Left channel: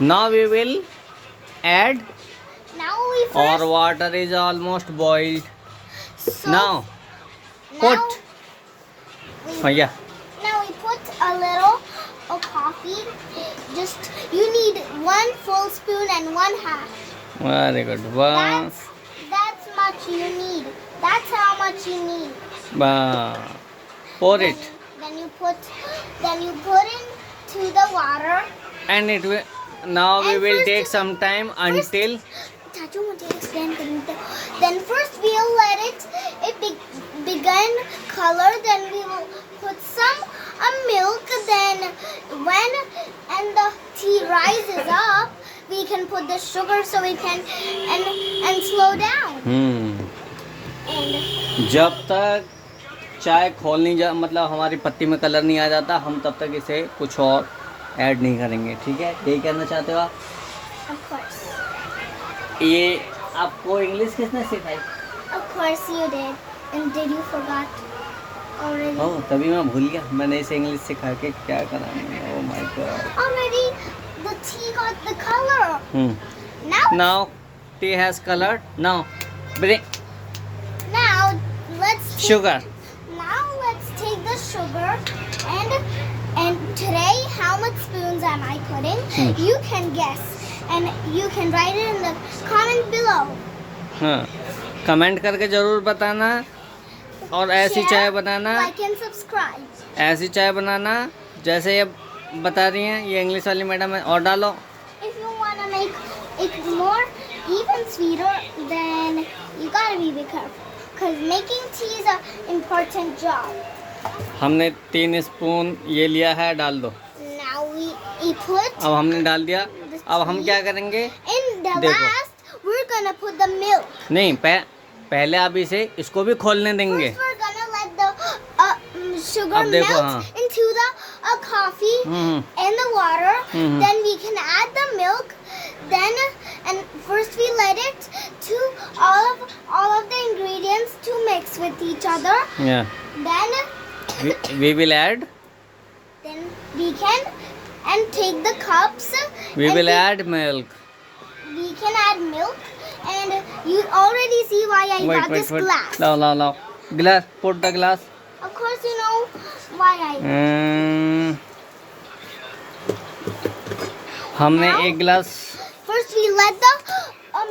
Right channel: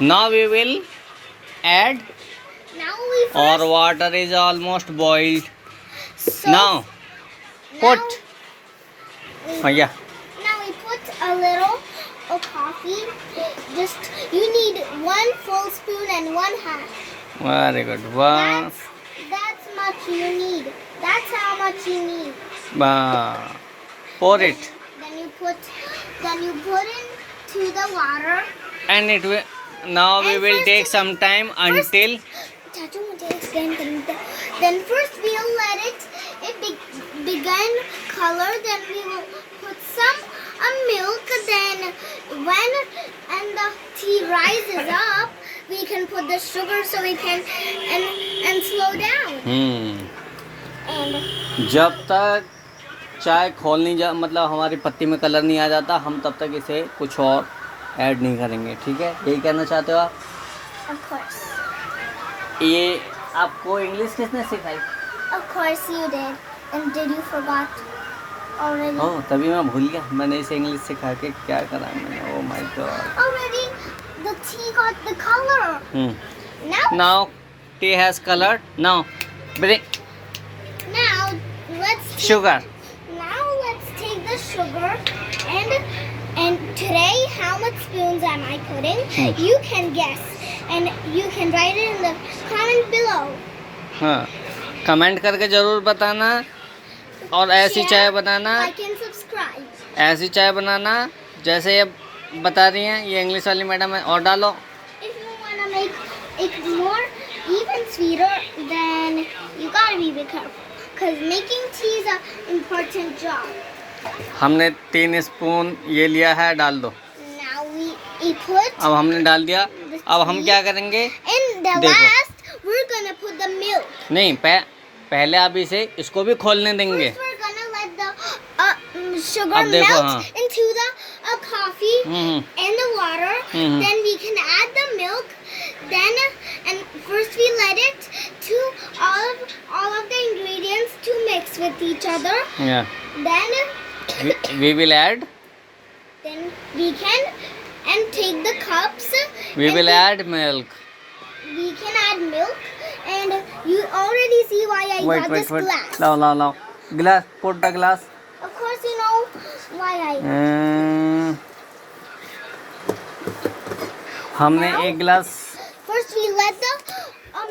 Now we will add, Now we or first. water is almost boiled. So Now put. Yeah. Now we put a little of coffee. Just you need 1 full spoon and 1 half. Very good. One. That's much you need. That's how much you need. Pour it. Then you put into the water. And it will. Now we And will first- take some time until. Chachu, मुझे explain करने दो. Then first we'll let it begin color. Then we will put some milk. Then when the tea rises up, we can put the sugar so we can and slow down. And जब तक चाय खोल नहीं जा, मतलब हमारी पत्ती में कलर नहीं आ जाता, हम तब तक इसे कुछ और ऐड नहीं करेंगे. ठीक है, यही कहना चाहते हो आप? of course. ये आपको इंग्लिश किसने सिखाई? Of course you did. And did you forgot already? ओह, तभी मैं भूल गया. मैंने इसे इंग्लिश सिखा के क्या करा मैंने. Oh my God. Already the tea got the color. Now tea has colored. Now bring Now let's sugar. Now let's take the sugar and today how much spoons am I putting? You can guess and you can write it in the comment below. हाँ, comment करके ज़रूर बताना. और ऐसी Share, चाय बनाना, like and subscribe. ऐसी चाय बनाना जैसे ये बता रही हैं ये इंग्लिश वाली मैडम है. और डालो. If you want to make it more even sweeter, then you gotta be careful. Because making tea is an important job. हमने 3 स्पून ये लिया है, डाल दो. Now we put अब हमने डाल दिया. अब हम क्या करेंगे? in the देखो. last, we're gonna put the milk. नहीं, पहले आप इसे इसको भी खोलने देंगे. First we're gonna let the sugar अब देखो, melt हाँ. into the coffee and the water. Mhm. Then we can add the milk. Then and first we let it to all of the ingredients to mix with each other. Yeah. Then We will add. then we can and take the cups. We and will add milk. We can add milk, and you already see why I got this glass. Now. Glass. Put the glass. Of course, you know why I. हमने एक गिलास First, we let the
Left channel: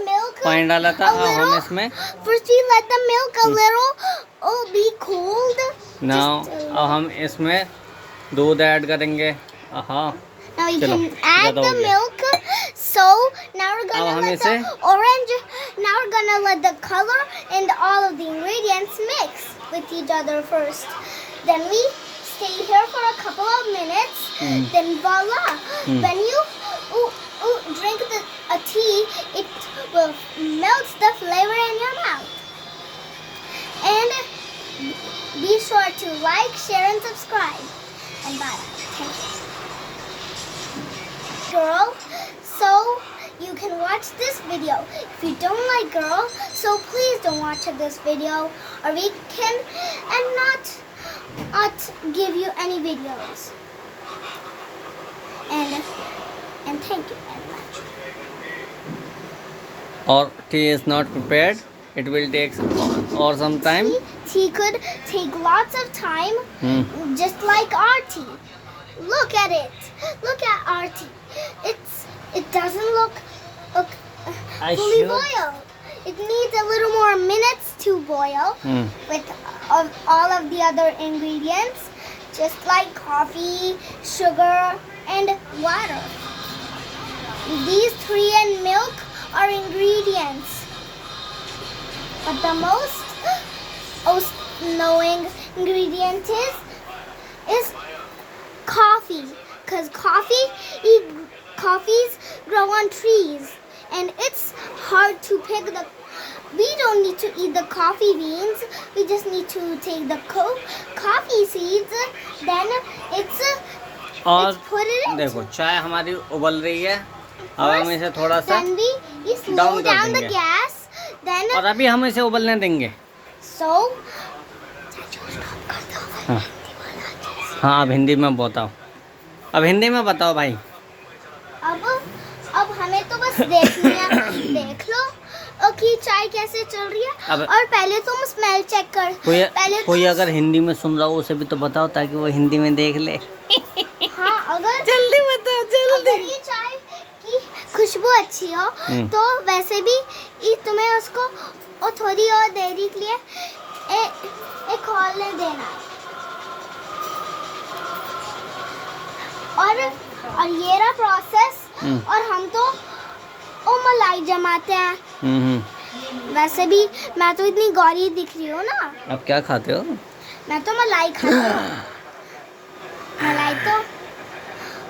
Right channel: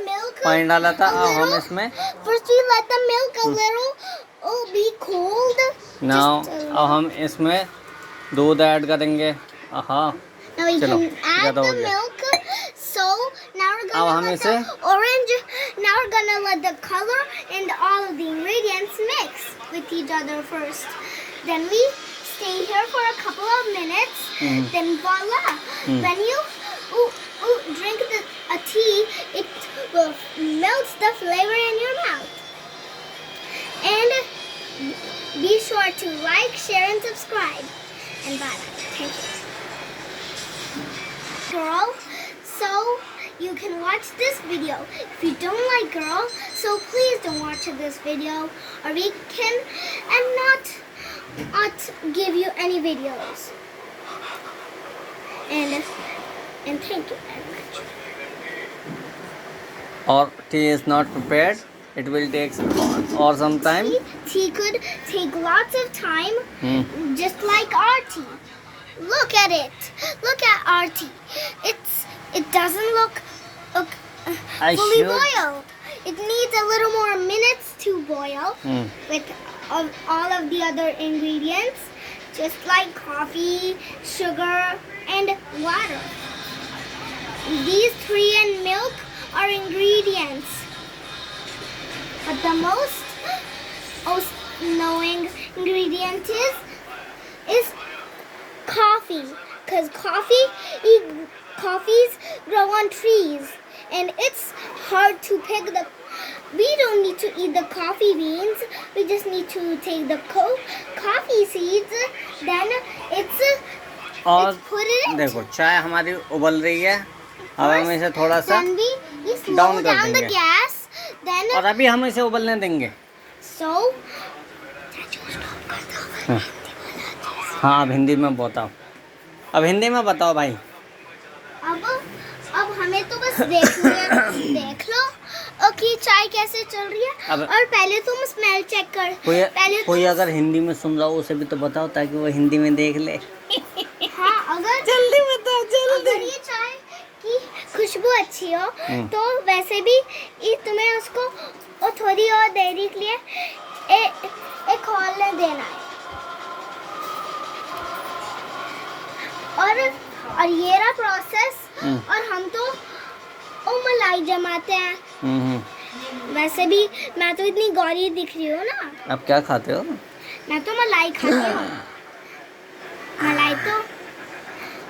milk. पानी डाला था. a अब हम little- इसमें. First, we let the milk a little be cold. Now Just a अब हम इसमें दूध ऐड करेंगे. हाँ. Now we चलो, can add ज़्यादा हो the गया. milk. So now we're अब gonna हम let इसे the orange. Now we're gonna let the color and all of the ingredients mix with each other first. Then we stay here for a couple of minutes. Then voila! When you drink a tea, it will melt the flavor in your mouth. And be sure to like, share, and subscribe. And bye. Thank you. Girl, so you can watch this video. If you don't like girl, so please don't watch this video, or we can and not give you any videos. And thank you very much. or tea is not prepared, it will take or some time. Tea could take lots of time, just like our tea. Look at it. Look at our tea. It doesn't look I fully should- boiled. It needs a little more minutes to boil with all of the other ingredients, just like coffee, sugar, and water. These three and milk are ingredients. But the most knowing ingredient is coffee, because coffees grow on trees, and it's hard to pick the. We don't need to eat the coffee beans. We just need to take the coffee seeds. Then it's और put it in. देखो चाय हमारी उबल रही है. अब हम इसे थोड़ा सा Then we slow down कर down the देंगे. gas. Then और अभी हम इसे उबलने देंगे. so. हाँ. हाँ, अब हिंदी में बताओ. अब हिंदी में बताओ भाई. अब अब हमें तो बस देख लो कि चाय कैसे चल रही है। अब- और पहले तुम स्मेल चेक कर। पहले कोई तुम- अगर हिंदी में सुन रहा हो उसे भी तो बताओ ताकि वो हिंदी में देख ले। हाँ, अगर जल्दी बताओ अगर ये चाय की खुशबू अच्छी हो तो वैसे भी तुम्हें उसको थोड़ी और देरी के लिए एक खोलने देना है। और ये रहा प्रोसेस। और हम तो मलाई जमाते हैं। वैसे भी मैं तो इतनी गौरी दिख रही हूँ ना। अब क्या खाते हो? मैं तो मलाई खाती हूँ। मलाई तो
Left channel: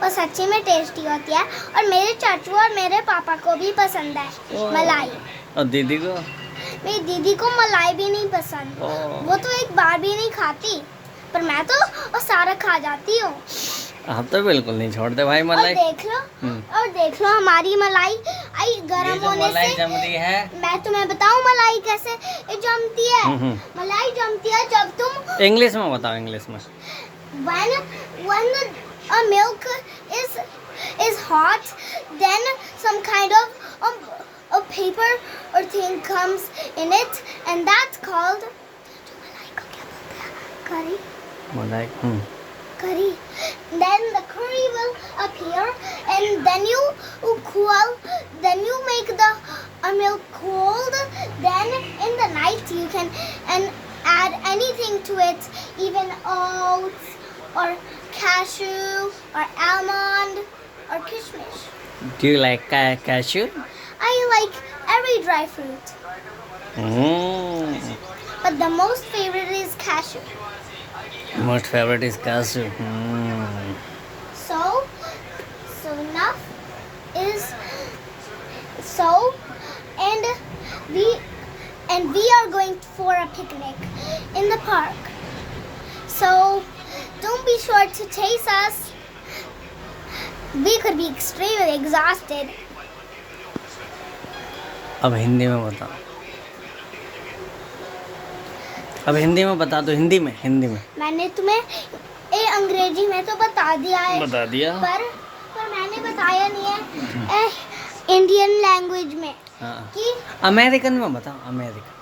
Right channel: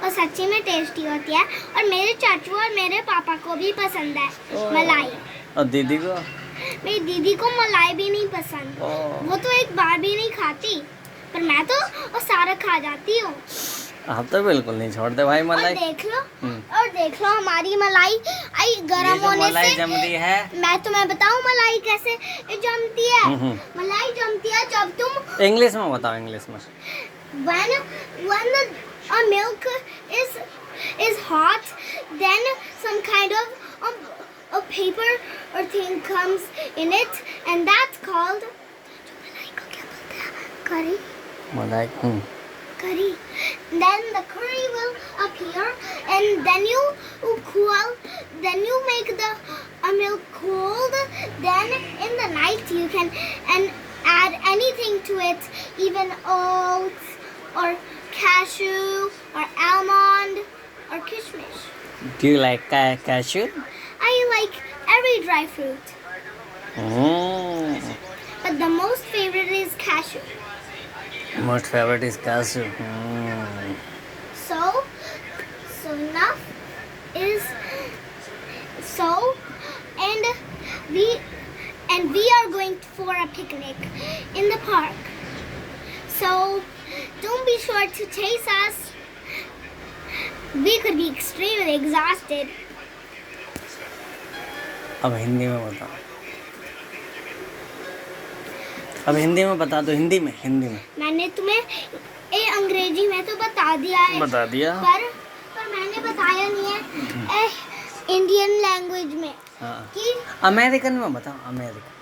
और सच्ची में टेस्टी होती है। और मेरे चाचू और मेरे पापा को भी पसंद है मलाई। और दीदी को? मेरी दीदी को मलाई भी नहीं पसंद। वो तो एक बार भी नहीं खाती, पर मैं तो वो सारा खा जाती हूँ। आप तो बिल्कुल नहीं छोड़ते भाई मलाई। और देख लो हमारी मलाई आई गर्म होने से जम रही है। मैं तुम्हें बताऊं मलाई कैसे जमती है। मलाई जमती है जब तुम इंग्लिश में बताओ, इंग्लिश में। when a milk is hot, then some kind of a paper or thing comes in it, and that's called मलाई को क्या बोलते हैं? curry. मलाई। Curry. Then the curry will appear, and then you cool. Then you make the milk cold. Then in the night you can add anything to it, even oats or cashew or almond or kishmish. Do you like cashew? I like every dry fruit, but the most favorite is cashew. Most favorite is cashew. So enough is so, and we are going for a picnic in the park. So don't be sure to chase us. We could be extremely exhausted. अब हिंदी में बताओ। अब हिंदी में बता दो। हिंदी में मैंने तुम्हें अंग्रेजी में तो बता दिया है। बता दिया। पर मैंने बताया नहीं है इंडियन लैंग्वेज में। हाँ। कि अमेरिकन में बताओ।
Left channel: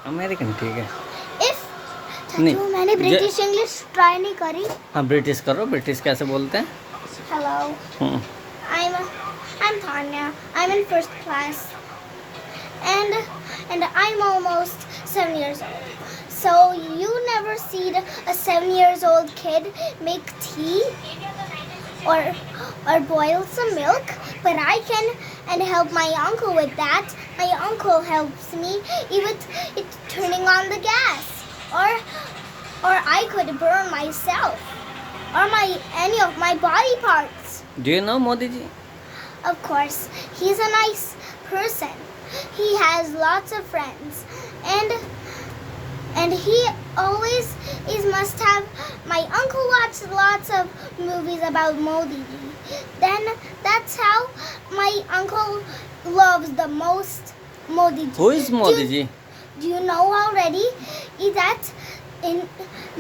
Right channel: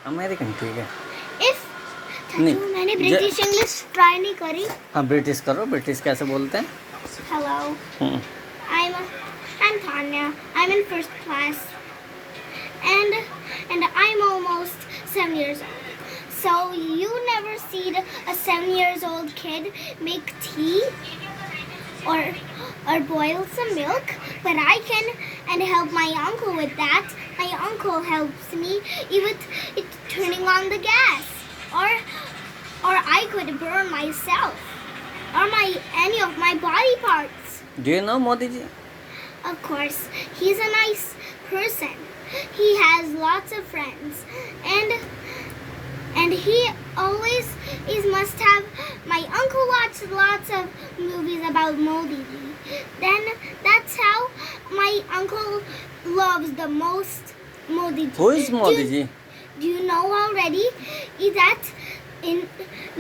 अमेरिकन ठीक है। नहीं, मैंने ब्रिटिश इंग्लिश ट्राई नहीं करी। हाँ, ब्रिटिश करो। ब्रिटिश कैसे बोलते हैं? Hello. I'm Tanya. I'm in first class. And I'm almost 7 years old. So you never see a 7 years old kid make tea or boil some milk, but I can and help my uncle with that. My uncle helps me with it turning on the gas, or I could burn myself or any of my body parts. Do you know Modi ji? Of course, he's a nice person. He has lots of friends, and he always must have. My uncle watched lots of movies about Modi ji. Then that's how my uncle loves the most Modi ji. Who is Modi ji? Do you know already that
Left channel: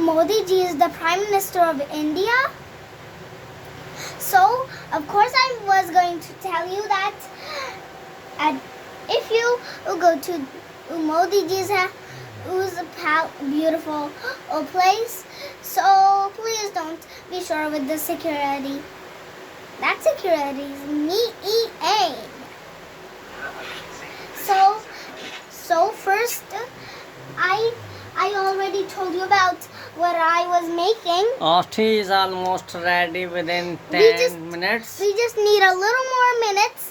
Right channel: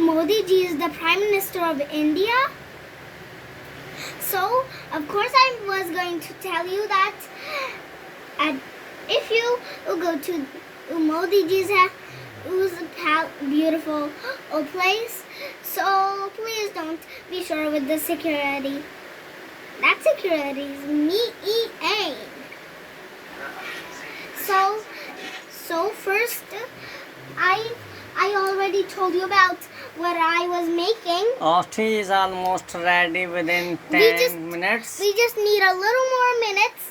Modi ji is the Prime Minister of India? So, of course, I was going to tell you that if you go to Modi ji's beautiful place, so please don't be sure with the security. That security is me. So first, I already told you about what I was making. Tea is almost ready within 10 minutes. We just need a little more minutes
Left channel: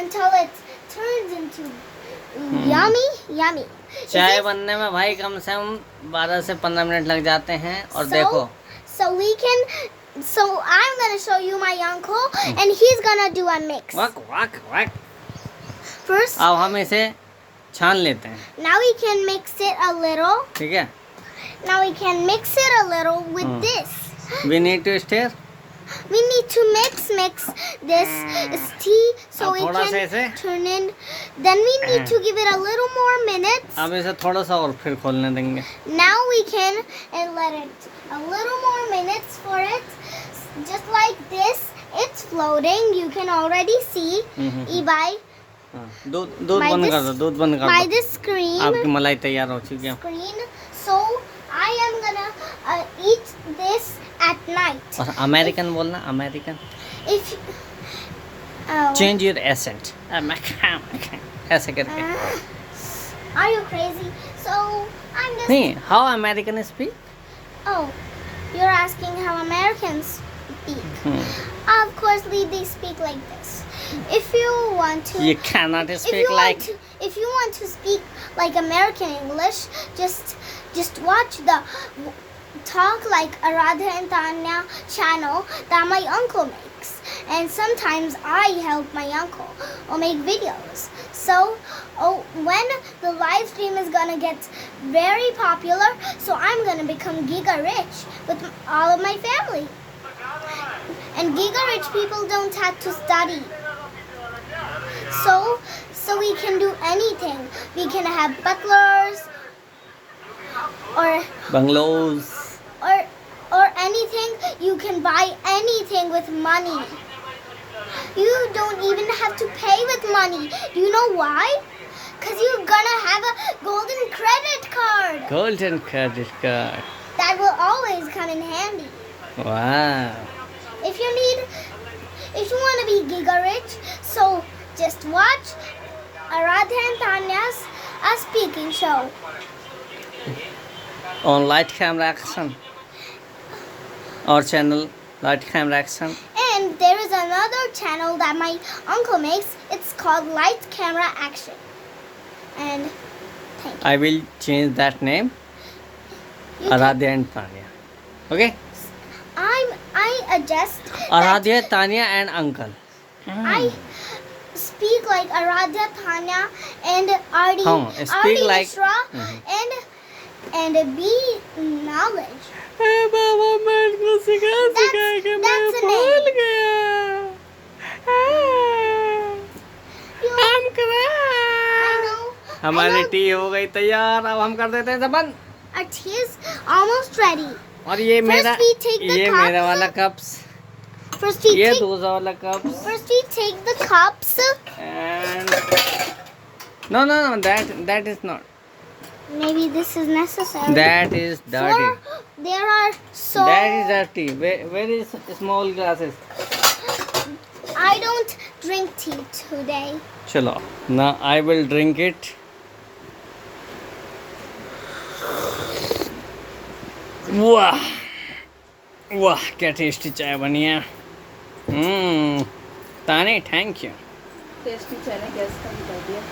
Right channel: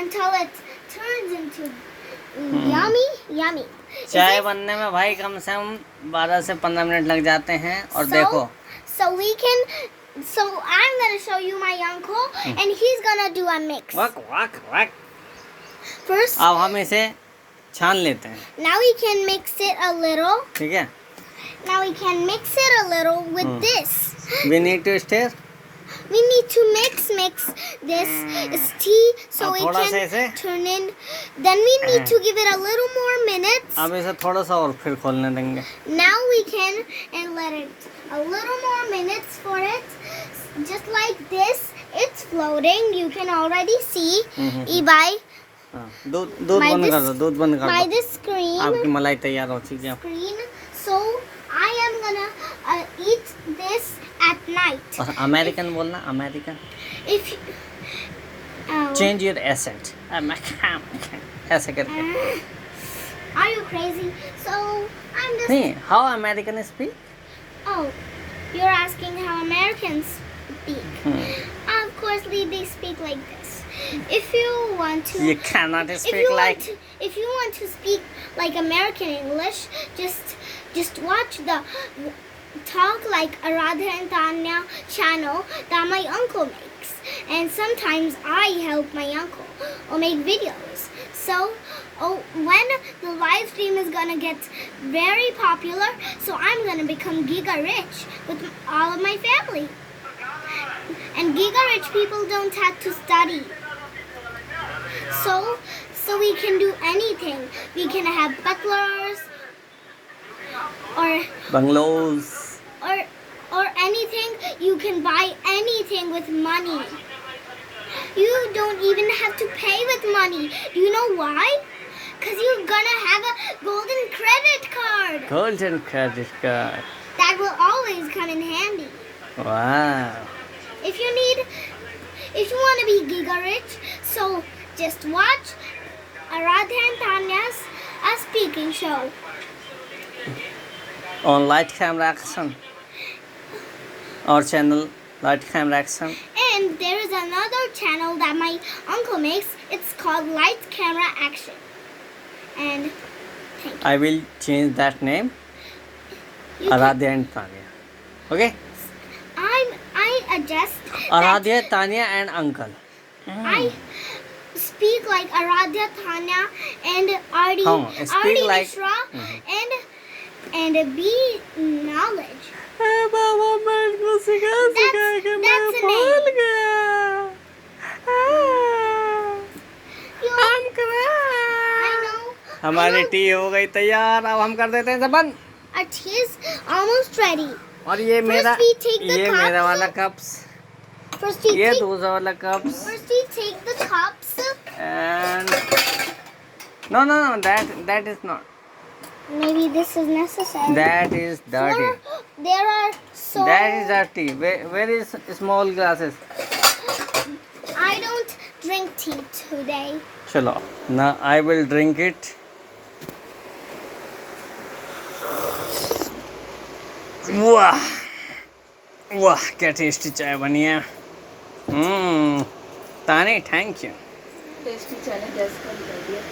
until it turns into yummy. चाय बनने में भाई कम से कम 12 से 15 minute लग जाते हैं। और देखो, So I'm gonna show you my uncle, and he's gonna do a mix. Walk. First, अब हम इसे छान लेते हैं। now we can mix it a little. ठीक है। Now we can mix it a little with this. We need to stir. We need to mix this is tea, so अब it थोड़ा सा can ऐसे। turn in. Then we need to give it a little more minutes. अब इसे थोड़ा सा और फिर खोलने देंगे। Now we can and let it a little more minutes for it, just like this, It's floating. You can already see by हाँ, दूध दूध My बंद this- कर दो, दूध बंद कर my दो। this screen. आपकी मलाई तैयार हो चुकी है। Screen. So I am gonna eat this at night. और अमेरिकन बोलना, American. If change your accent, ऐसे करके। Are you crazy? So I'm just. नहीं, how American speak? Oh, you're asking how Americans speak. Of course, they speak like this. If you want to. You cannot If speak you like. if you want to speak like American English, just watch the Talk Like Aradha and Tanya channel that my uncle makes. And sometimes I help my uncle or make videos. So, when the live stream is gonna get very popular, so I'm gonna become giga rich with all of my family. And giga rich people don't have to study. So we can do anything. We can have butlers or Bungalows. or anything. You can buy anything with money. You don't even have to pay with money. Do you know why? Because you're gonna have a golden credit card. Golden credit card. That will always come in handy. Wow. If you want to be giga rich, so just watch Aradha and Tanya's speaking show. On light camera action. Our channel, light camera action. And there is another channel that my uncle makes. It's called Light Camera Action. And thank you. I will change that name. You can- Aradhya and Tanya. Okay? I adjust that Aradhya, Tanya and uncle. I speak like Aradhya, Tanya, and Ardi, Oh, speak Ardi like- Mishra, and be knowledge. बाबा मेरे को सिखा सिखा के मैं that's a भूल name. गया। You, हम करा। I know. हमारी टी हो गई तैयार, अब हम कर देते हैं सब बंद। Our tea is almost ready. और ये मेरा, we take the ये cups. मेरा वाला कप्स, First we ये take. दूसरा वाला cups, First we take the cups. and no, that is not. Maybe this is necessary. That is dirty. There are so. That is dirty. Where is small glasses? I don't drink tea today. चलो, now I will drink it. वाह वाह, क्या tasty चाय बनी है। ताने, thank you. Tasty चाय ने गैस का भी कर दिया।